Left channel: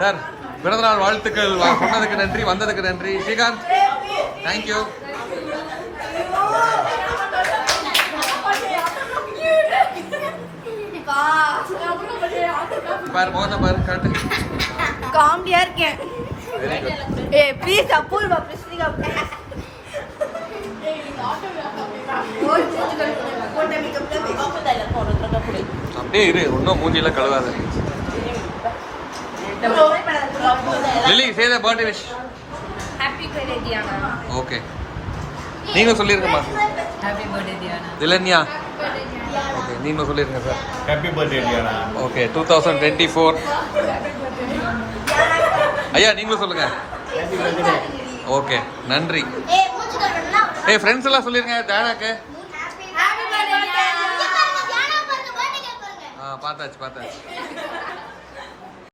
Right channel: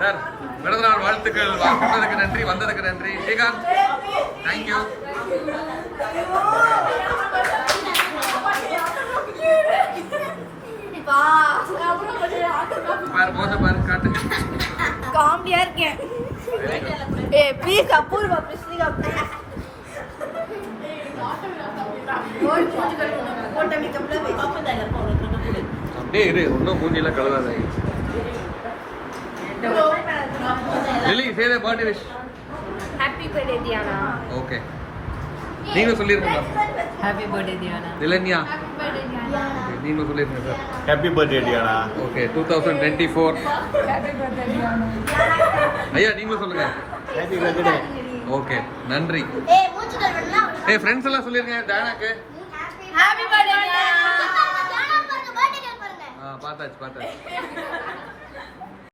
Sir பிறந்தநாள் வாழ்த்துக்கள் சொன்னதுக்கு நன்றி, வந்ததுக்கு நன்றி. ஸ்ரீகாந்த் தேங்க்யூ. பாரு போத பாரு காட்டு. காமெடியா இருக்கேன். ஏய் ப்ளீஸ் அபூர்வா பிஸ்னிகா. அப்படியே இரு, இன்னும் மூஞ்சில கழுவாத. Lily say the birthday wish. Happy birthday Diana. Okay நீங்க சொல்லிருங்கம்மா. Happy birthday Diana. Thilanya okay நீங்க சொல்லிருங்க sir. Happy birthday Diana. Okay 2024. Happy birthday Diana. ஐயா நீங்களும் சொல்லுங்க. Happy birthday. ஓகே நன்றி. ஏய் ஃப்ரெண்ட்ஸ் எல்லாம் சொல்லிருங்க தானாக்கு. Happy birthday Diana. பார்த்தாச்சு.